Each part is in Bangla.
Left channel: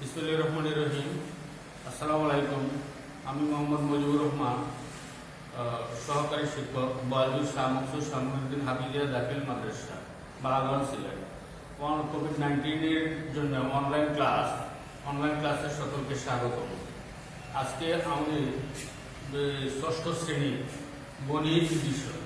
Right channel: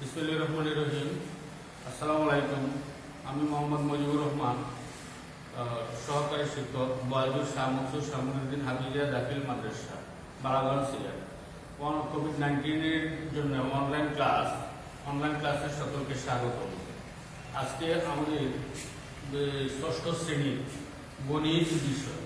বিসমিল্লাহির রহমানির রহিম। আসসালামু আলাইকুম। আমি মোহাম্মদ মুজিবুর রহমান, সহকারী শিক্ষক, বয়জুর শাহ মনসুর শাহ মুহিউদ্দিন হাফিজিয়া দাখিল মাদ্রাসা, বারাগঞ্জ, সিলেট। কোভিড-19 এর জন্য অনলাইন ক্লাসে সকলকে স্বাগত। আজকে আমাদের ষষ্ঠ শ্রেণী গণিত বিষয়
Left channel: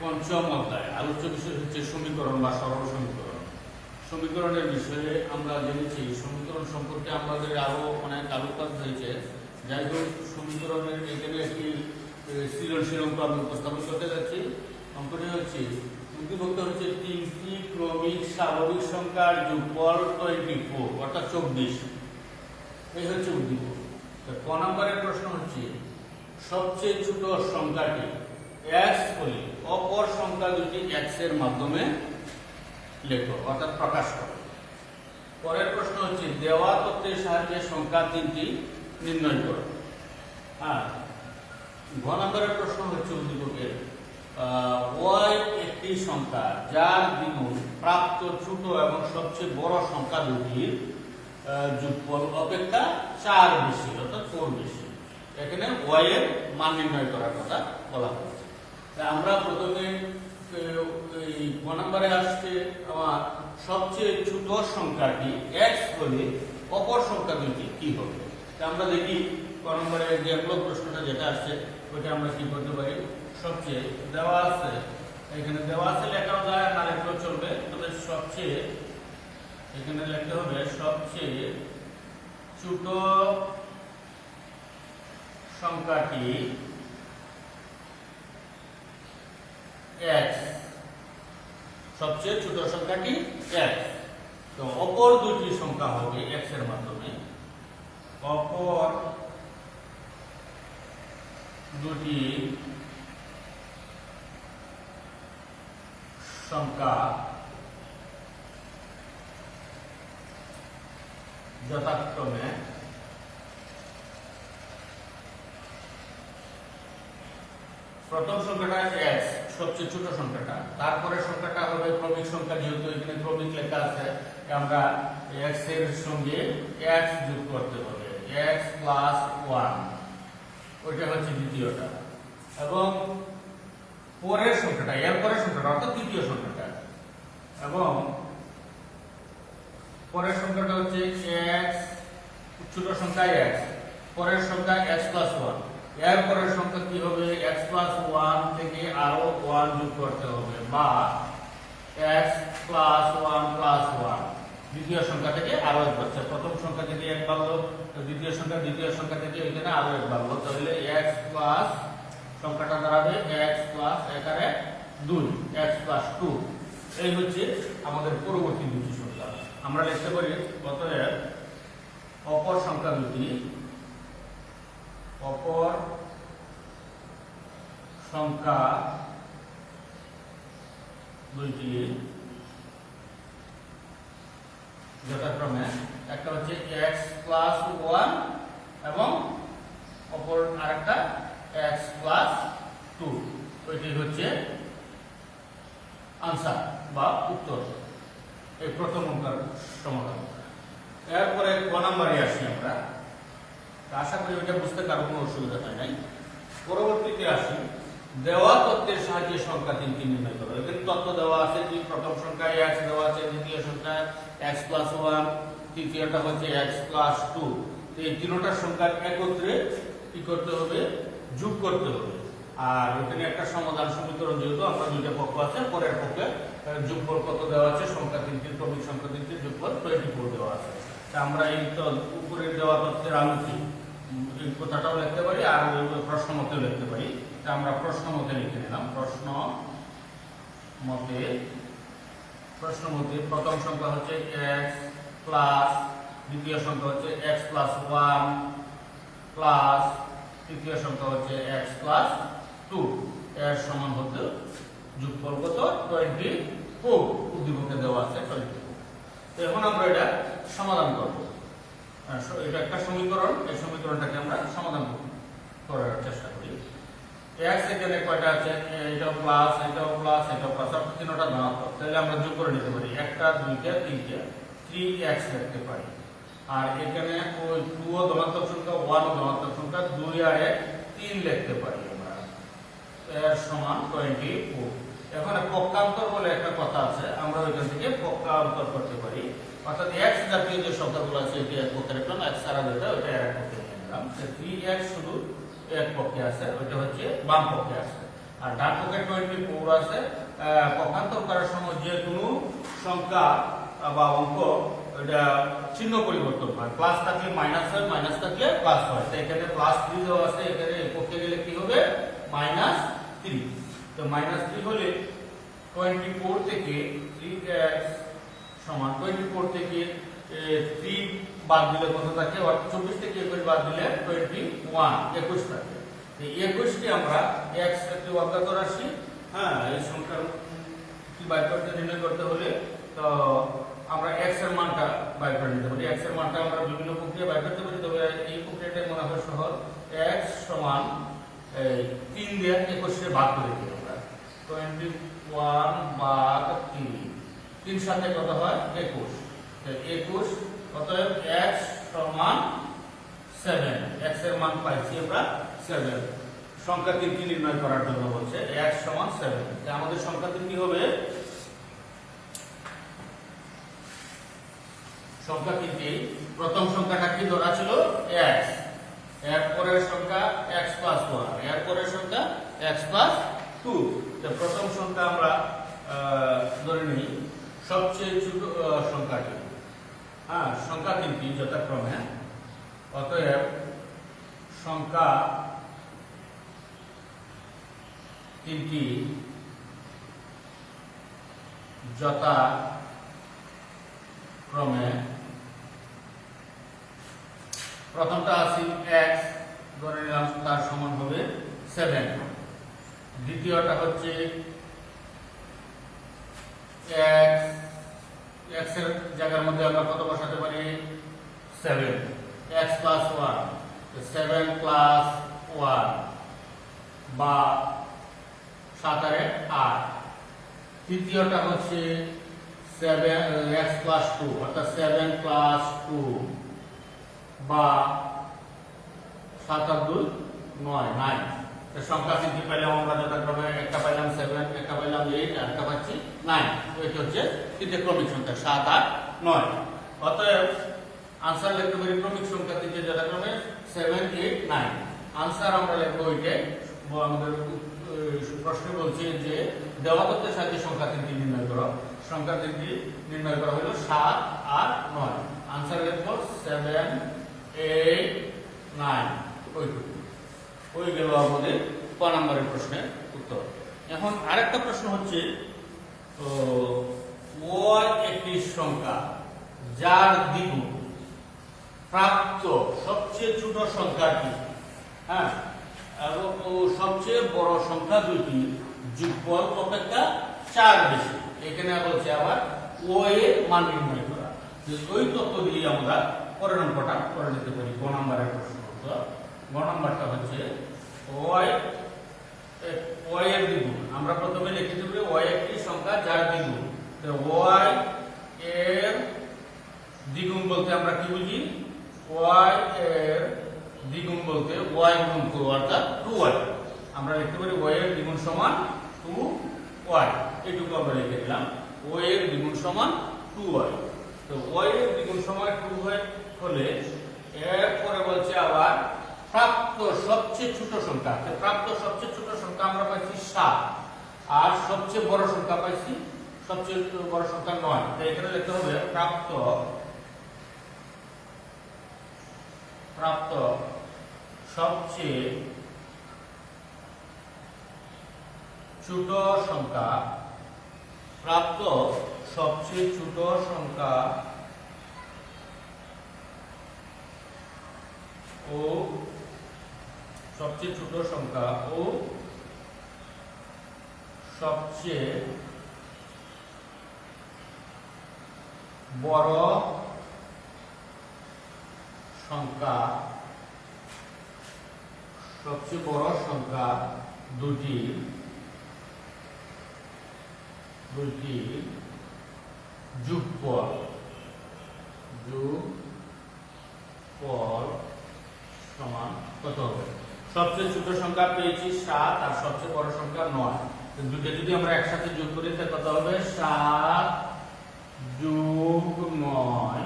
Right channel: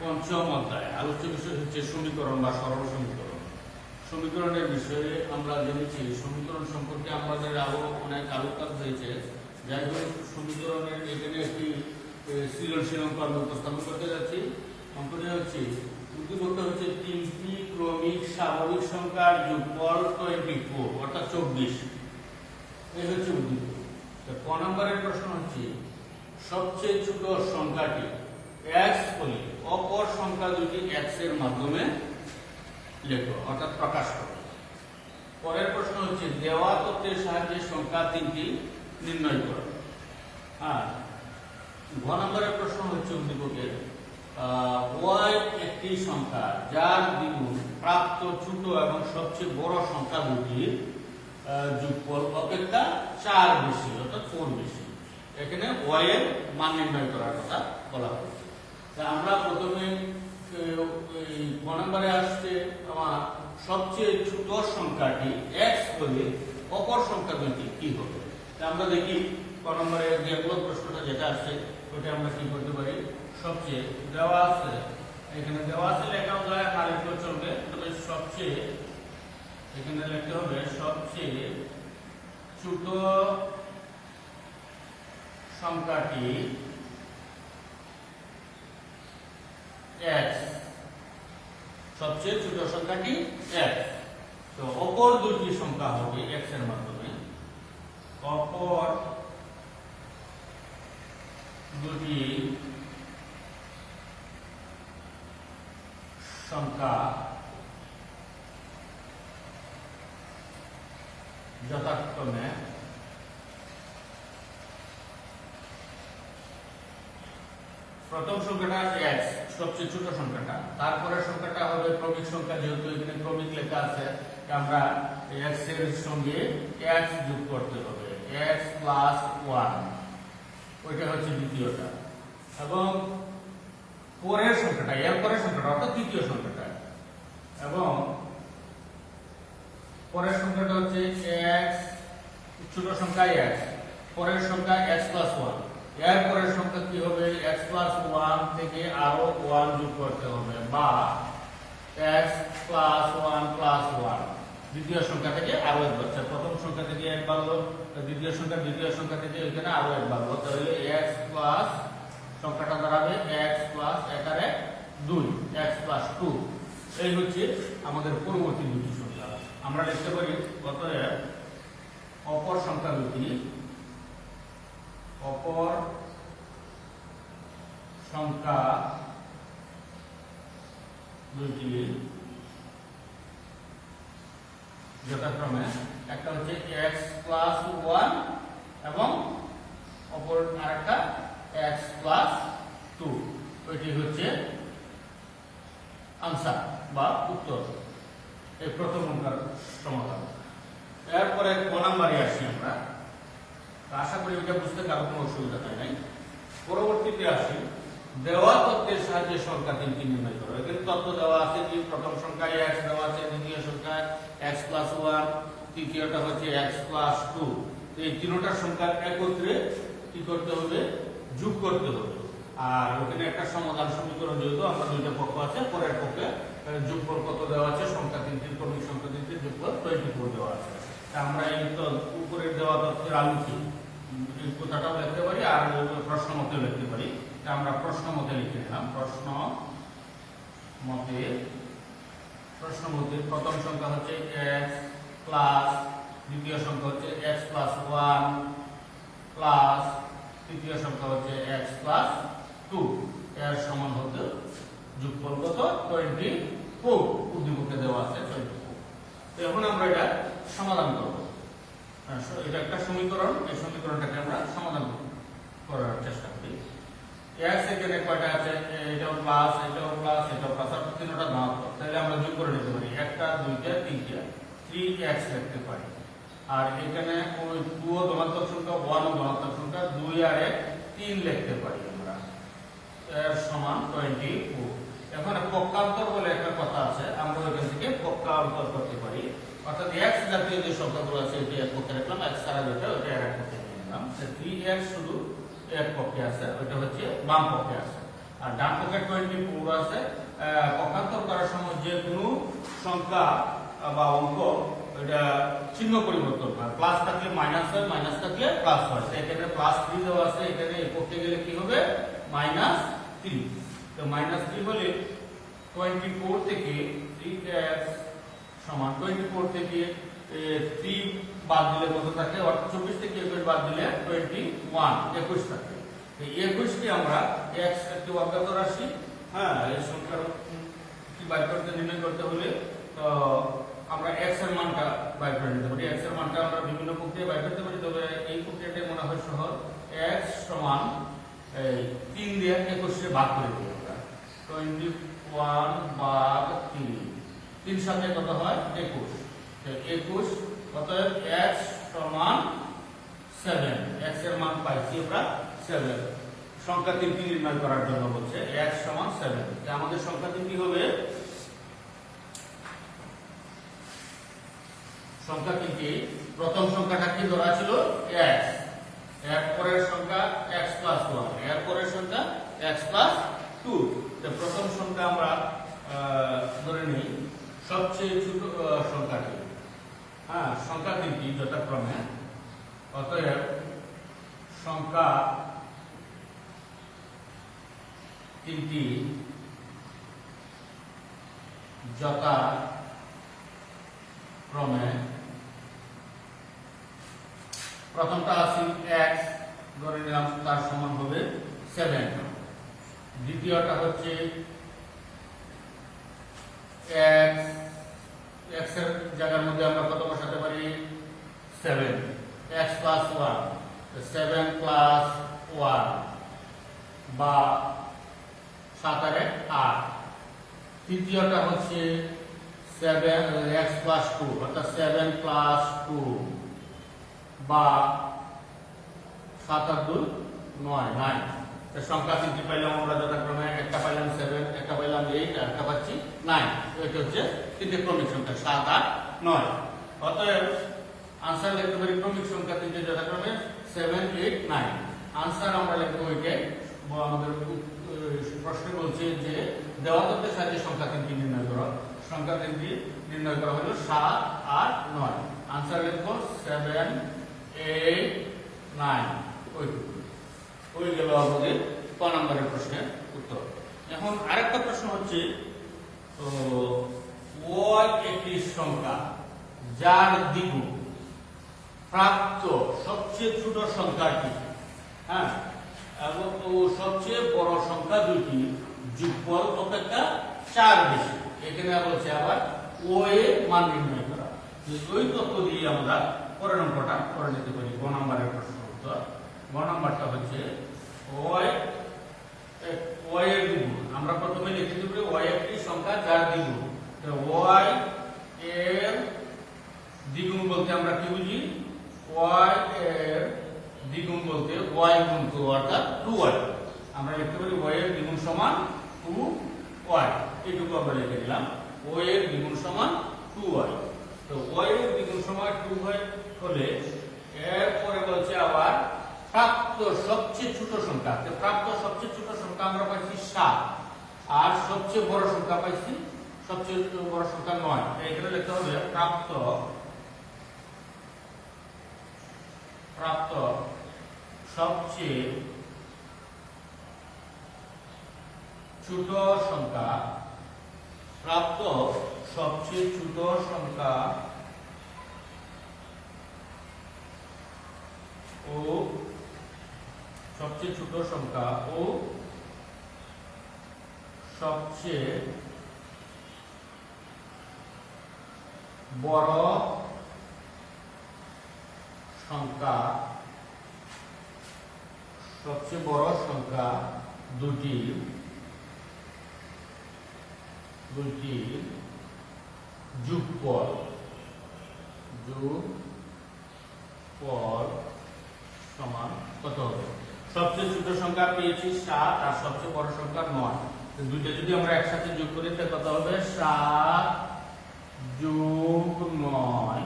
পঞ্চম অধ্যায় আলোচ্য বিষয় হচ্ছে সমীকরণ বা সরল সমীকরণ। সমীকরণের বিষয়ে আমরা জেনেছি, সমীকরণ সম্পর্কে আমাদের আরো অনেক আলোকপাত হয়েছে। যাই হোক, সমীকরণের এখানে একটি সৃজনশীল অঙ্ক আমি উপস্থাপন করতে যাচ্ছি। অঙ্কটি হচ্ছে উদ্দীপকটা হচ্ছে 3টি ক্রমিক স্বাভাবিক সংখ্যার যোগফল 24 অর্থাৎ 24। এই হচ্ছে উদ্দীপক। ক নম্বরের প্রশ্ন হচ্ছে সবচেয়ে ছোট সংখ্যাটি x হলে অপর সংখ্যা দুটি x এর মাধ্যমে লেখো অর্থাৎ প্রকাশ করো। পরের প্রশ্ন হচ্ছে দেওয়া তথ্যের সাহায্যে সংখ্যা 3টি নির্ণয় করো। ঘ নম্বরের প্রশ্ন হচ্ছে উদ্দীপকে y একটি সংখ্যা যার দ্বিগুণ প্রাপ্ত ছোট এবং সবচেয়ে বড় সংখ্যা দুটির যোগফল অপেক্ষা 4 বেশি অর্থাৎ 4 বেশি। এখানে y এর মান নির্ণয় করার কথা বলা হয়েছে। আমরা প্রথমে ক নম্বরে আসছে আমার সবচেয়ে ছোট সংখ্যাটি x হলে অপর সংখ্যা দুটি কি হবে। আমরা দেখি ক নম্বরে প্রশ্নটা যেটা আসছে ওইটা আমরা কি করতে পারি। সবচেয়ে দেওয়া আছে, এখানে দেওয়া আছে লেখাও যায় না লিখলেও চলবে, তবে সবচেয়ে এখানে লিখতে হবে সবচেয়ে ছোট সংখ্যাটি x, সবচেয়ে ছোট সংখ্যাটি x। তো অপর দুটি সংখ্যা হবে x এর মাধ্যমে, অপর দুটি সংখ্যা যথাক্রমে প্রথম সংখ্যাটা x, সবচেয়ে ছোট সংখ্যাটা, তারপরে সংখ্যাটা হবে ক্রমিক সংখ্যা, যেহেতু এখানে ক্রমিক লেখা আছে আমরা x এর সঙ্গে x যোগ করতে হবে, x প্লাস 1, ওইটা হচ্ছে দ্বিতীয়টা। এবং পরের সংখ্যাটা, এর পরের সংখ্যাটা অর্থাৎ তৃতীয় সংখ্যাটা, এবং পরের সংখ্যাটা হচ্ছে x, ছোট সংখ্যা x, পরের সংখ্যা x প্লাস 1, এর পরের সংখ্যা কি হবে x প্লাস 1 থেকে আরো 1 যোগ করতে হবে, বা x প্লাস 1 প্লাস 1, দ্বিতীয় সংখ্যা থেকে আরো 1 বাড়ছে। প্রথম সংখ্যা থেকে 1 বাড়লো, দ্বিতীয় সংখ্যা থেকে এখানে আরো 1 বাড়লো, তাহলে x প্লাস সংখ্যাটা দাঁড়াবে x প্লাস 1 আর 1 2, x প্লাস 2। এই হচ্ছে আমাদের পরবর্তী দুটি সংখ্যা। আমরা লিখতে পারি অতএব অপর সংখ্যা দুটি, অপর সংখ্যা দুইটি যথাক্রমে একটা হচ্ছে x প্লাস 1 এবং অপর আরেকটা x প্লাস 2। ওইটি হচ্ছে আনসার বা উত্তর, এই প্রথম অঙ্কের সমাধান। এরপরে ক নম্বরে আসি আমরা। আশা করি ওইটা বুঝতে কারো কোনো অসুবিধা হয় নাই। পরবর্তীতে আসি দেওয়া তথ্যের সাহায্যে সংখ্যা 3টি নির্ণয় করো। এখানে তথ্য দেওয়া আছে যে প্রথম সংখ্যা x দেওয়া আছে, দ্বিতীয় সংখ্যা x প্লাস 1, তৃতীয়টা হচ্ছে x প্লাস 2। এই তিনটা সংখ্যা একত্রে কি করতে হবে, যোগ করতে হবে। আর ওখানে একটা সমাধান সমীকরণ, যেহেতু আমরা দুইটা পক্ষ আছে, পরের পক্ষে যোগফল কত দেওয়া আছে, সংখ্যা 3টির ক্রমিক সংখ্যা 3টির যোগফল 24 দেওয়া আছে। আমরা এই উপরে দেওয়া তথ্যের আলোকে এই কথাটাও লিখতে পারি আর প্রশ্ন মতে লিখতে পারি। আমরা প্রশ্ন মতে লিখে নিলাম। প্রশ্ন মতে প্রথম সংখ্যা হচ্ছে x প্লাস, দ্বিতীয় সংখ্যা হচ্ছে x প্লাস 1 প্লাস, তৃতীয় সংখ্যা হচ্ছে x প্লাস 2, এর সমান হতে যোগফল কত 24, উদ্দীপকে দেওয়া আছে 24। তো এখন আমরা এটা সমাধান করব। এটা একটা সমীকরণ, এই সমীকরণটাকে আমরা সমাধান করার চেষ্টা করি। x এখানে কয়টা আছে, এটাও প্লাস, এটাও প্লাস, এটাও প্লাস, তিনটা না, তাহলে আমরা যোগ করে নিতে পারি, একটা দুইটা তিনটা, 3x লিখতে পারি। আর এখানে ওই 2 ও ধনাত্মক সংখ্যা, 1 ও ধনাত্মক সংখ্যা, 2 আর 1 3 লিখতে পারি আমরা। এর সমান 24। এখন পক্ষান্তর বলে একটা কথা আছে, আমরা ওইখান থেকে পক্ষান্তর করতে পারি। অর্থাৎ x জাতীয় যে সংখ্যাগুলো আছে এটি এক পক্ষে রাখলাম, x ছাড়া যেটা ওইটা এক পক্ষে নিলাম। 3x শুধু এক পক্ষে আছে, ওইটা হচ্ছে বাম পক্ষে আছে। আর ডান পক্ষে 24 আছে। পক্ষান্তর করার সময় যে কোনো সংখ্যা বা অঙ্ক ওইটা চিহ্ন পরিবর্তন হয়, প্লাস থাকলে মাইনাস হয়, মাইনাস থাকলে প্লাস হয়। তো এখানে +3 দেওয়া আছে, এখানে এই পক্ষে গেলে কি হবে -3। তো -3 হলে 24 থেকে 3x সমান 24 থেকে 3 বাদ দিলে কত থাকে? অর্থাৎ 24 থেকে 21 বাদ দিলে 21 থাকে। তো 21 কে আমরা x একটি অজ্ঞাত রাশি, হ্যাঁ, এই সংখ্যার কি বাইর করতে নির্ণয় করতে হলে তো আমরা x এর মানটা বাইর করে নিতে পারি। x এর মানটা আমরা বিভিন্ন প্রক্রিয়া বাইর করতে পারি, তবে এই প্রক্রিয়াটাই মনে হয় সহজ। x সমান 3 দিয়ে 21 কে ভাগ করে দিই আমরা। 21 ভাগ 3, 3 সাথে কত হয়? 21। তো 21, অতএব x সমান 7। x এর মান পাইছি আমরা 7। সংখ্যা 3টি নির্ণয় করার জন্য বলছে x সমান 7। আমাদের সংখ্যা 3টি হবে, সংখ্যা 3টি, প্রথম সংখ্যাটা কি ধরা ছিল? x। এর পরের সংখ্যা x + 1, এর পরের সংখ্যা x + 2। তো প্রথম সংখ্যা আমরা ধরে নিই সবচেয়ে ছোট সংখ্যাটি। হ্যাঁ, সংখ্যা 3টি যথাক্রমে, অতএব সংখ্যা 3টি যথাক্রমে, প্রথমটা আছে x, ধরে নিলাম তার সমান হবে 7। দ্বিতীয়টা হচ্ছে x এর জায়গার মধ্যে আমরা কত বসাতে পারি? 7। x + 1, 7 + 1 বা 7 আর 8। তৃতীয়টা হচ্ছে x + 2, অর্থাৎ 7 + 2 বা 7 আর 2 9। সংখ্যা 3টি পাইলাম আমরা যথাক্রমে, একটা পাইলাম 7, একটা পাইলাম 8, আর একটা পাচ্ছি 9। তো এটা হচ্ছে 3টে ক্রমিক সংখ্যা 7, 8, 9। অতএব আনসার লিখতে পারি ক্রমিক সংখ্যা 3টে যথাক্রমে 7, 8, 9। আনসার আমরা লিখবো ওইটাই। আমাদের প্রশ্ন বলছে যে দেওয়া তথ্যের সাহায্যে সংখ্যা 3টি নির্ণয় করো। সংখ্যা 3টি নির্ণয় করা হলো 7 আর 9। আনসার লিখবো 7, 8, 9। ওইটুকু হয়ে গেল আমাদের ক নম্বরের প্রশ্নের উত্তর। এখন আরেকটা প্রশ্ন হচ্ছে, y একটি সংখ্যা যার দ্বিগুণ প্রাপ্ত সবচেয়ে ছোট সংখ্যাটি, হ্যাঁ, এবং সবচেয়ে বড় সংখ্যা দুটি যোগফল অপেক্ষা 4 বেশি। এখানে বলছে আবার ও এর মান নির্ণয় করা। ওই তথ্য দিয়ে আমরা পরের অঙ্কটা করে নিতে পারি। গ নম্বরের প্রশ্ন উত্তর। গ নম্বরটা হচ্ছে y এর দ্বিগুণ। আমরা প্রথমে লিখে দেব y একটি সংখ্যা যার দ্বিগুণ। তো y এর দ্বিগুণ বলতে আমরা কি বুঝি? y এর দ্বিগুণ বলতে y গুণ 2, অর্থাৎ 2y। আমরা লিখতে পারি y এর দ্বিগুণ সমান 2y। এটুকু আমরা লিখে দিলাম, y এর দ্বিগুণ সমান 2y। তো y এর দ্বিগুণ সমান 2y হলে এরপরে বলছে আবার প্রাপ্ত সবচেয়ে ছোট সংখ্যা। প্রাপ্ত সবচেয়ে ছোট সংখ্যা আমরা পাইছি 7, আর সবচেয়ে বড় সংখ্যা পাইছি, সবচেয়ে বড় সংখ্যা 9। তো এখানে লিখতে হবে প্রাপ্ত সবচেয়ে ছোট সংখ্যা, প্রাপ্ত সবচেয়ে ছোট সংখ্যা ও সবচেয়ে ছোট সংখ্যা ও সবচেয়ে বড় সংখ্যা, সবচেয়ে বড় সংখ্যা দুটি যোগফল পর সমান কত হবে? সবচেয়ে ছোট সংখ্যা পেয়েছি 7 আর সবচেয়ে বড় সংখ্যা 9। দুইটা যদি আমরা একসাথে যোগ করি তাহলে কত হবে? 7 যোগ 9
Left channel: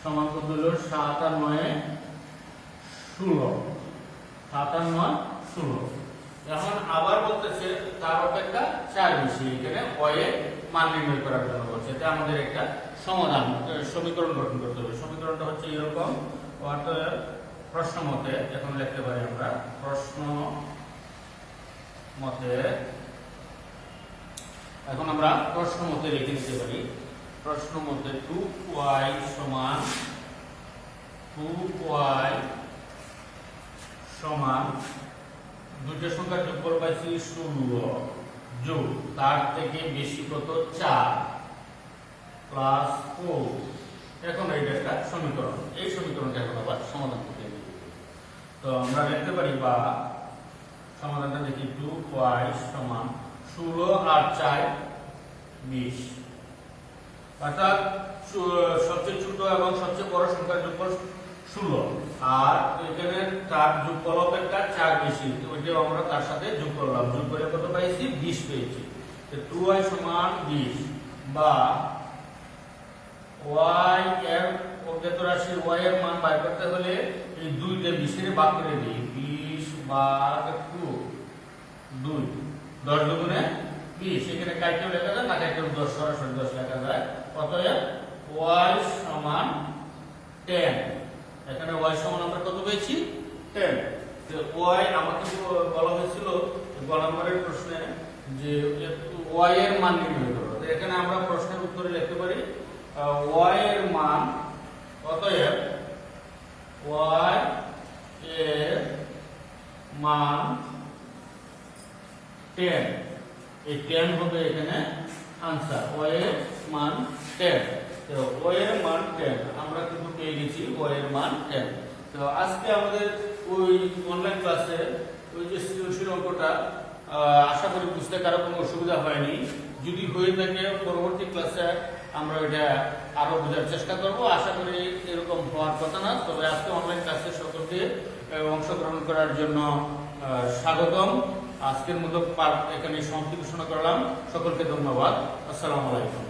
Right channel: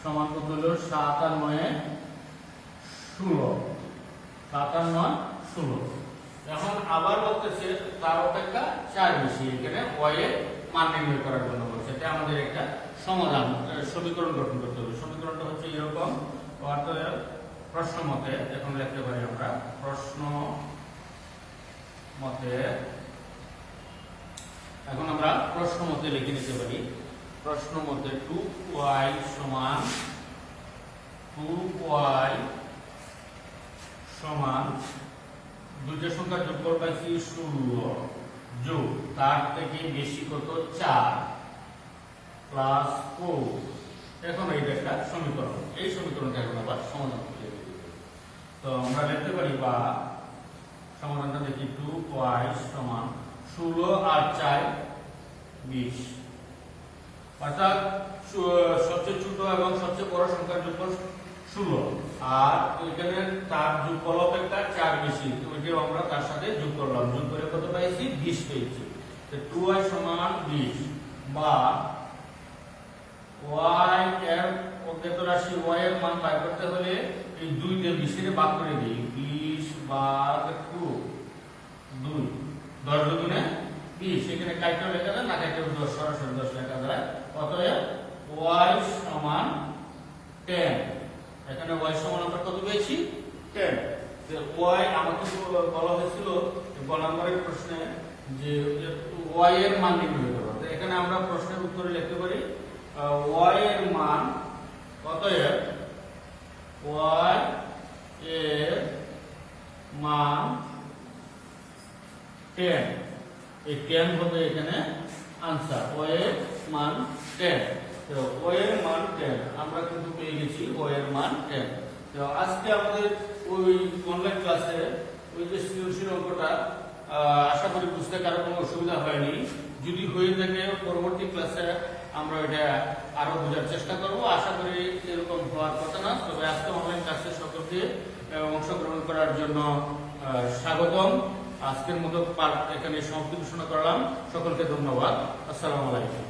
সমান কত হলো? 7 আর 9 16। 7 আর 9 16। এখন আবার বলতেছে তার অপেক্ষা 4 বেশি। এখানে ওয়ে মান নির্ণয় করার জন্য বলছে। এটা আমাদের একটা সমাধান সমীকরণ গঠন করতে হবে। সমীকরণটা হচ্ছে এরকম। অতএব প্রশ্ন মতে এখন লিখতে পারি আমরা প্রশ্ন মতে, এখন আমরা প্রশ্ন মতে লিখে নিতে পারি। প্রশ্ন মতে 2y সমান 2y সমান দুইটা সংখ্যার যোগফল পাইছি 16 যোগ তার থেকে বেশি কত? 4 প্লাস 4। এখন এইটা একটা সমীকরণ। এই সমীকরণটা এখন আবার সমাধান করতে হবে। তো আমরা লিখতে পারি বা সমাধানটা দেখি 2y সমান 16 আর 4 20। অর্থাৎ সবচেয়ে ছোট এবং সবচেয়ে বড় সংখ্যার যোগফল 16 আর এখানে তার যোগফল অপেক্ষা 4 বেশি। তো ওইটা আমরা তার সাথে যোগ করলাম, যোগ করে কত পাইছি? 20 পেয়েছি। তো 2y সমান 20 বা y এর অজ্ঞাত রাশি y এর মান বের করতে হলে এই 2 কে 20 এর ভাগ করে দেই। 20 ভাগ 2 10 দুগুণে 20। এখানে কাইটেও লেখা যায় না, কাইটেও 10 সরাসরি 10 লেখা যায়। অতএব y সমান 10। এখানে y সমান আমরা কত পেয়েছি? 10। তো y আমাকে বলা হয়েছিল গ নম্বরের প্রশ্নে যে y এর মান নির্ণয় করো। তো এখানে আমরা প্রশ্নের উত্তরে লিখতে পারি y এর মান, অতএব y এর মান 10। এই 10 হবে এখানে आंसर। y এর মান 10। তো y এর মান 10 আমরা কিন্তু পেয়ে গেছি। y এর মান 10। তো আজকে আমাদের ওই অনলাইন ক্লাসে ওই যে সৃজনশীল অঙ্কটা আশা করি বুঝতে কারো কোনো অসুবিধা হয়নি। যদি হয়ে থাকে পরবর্তী ক্লাসে আমরা এটা আরো বোঝার চেষ্টা করব। আশা করি এরকম হওয়ার কথা না। তবে আজকে অনলাইন ক্লাসে সকলকে অংশগ্রহণ করার জন্য স্বাগতম। আজকের মতো পাঠ এখানে সমাপ্তি ঘোষণা করলাম। সকলকে ধন্যবাদ। আসসালামু আলাইকুম।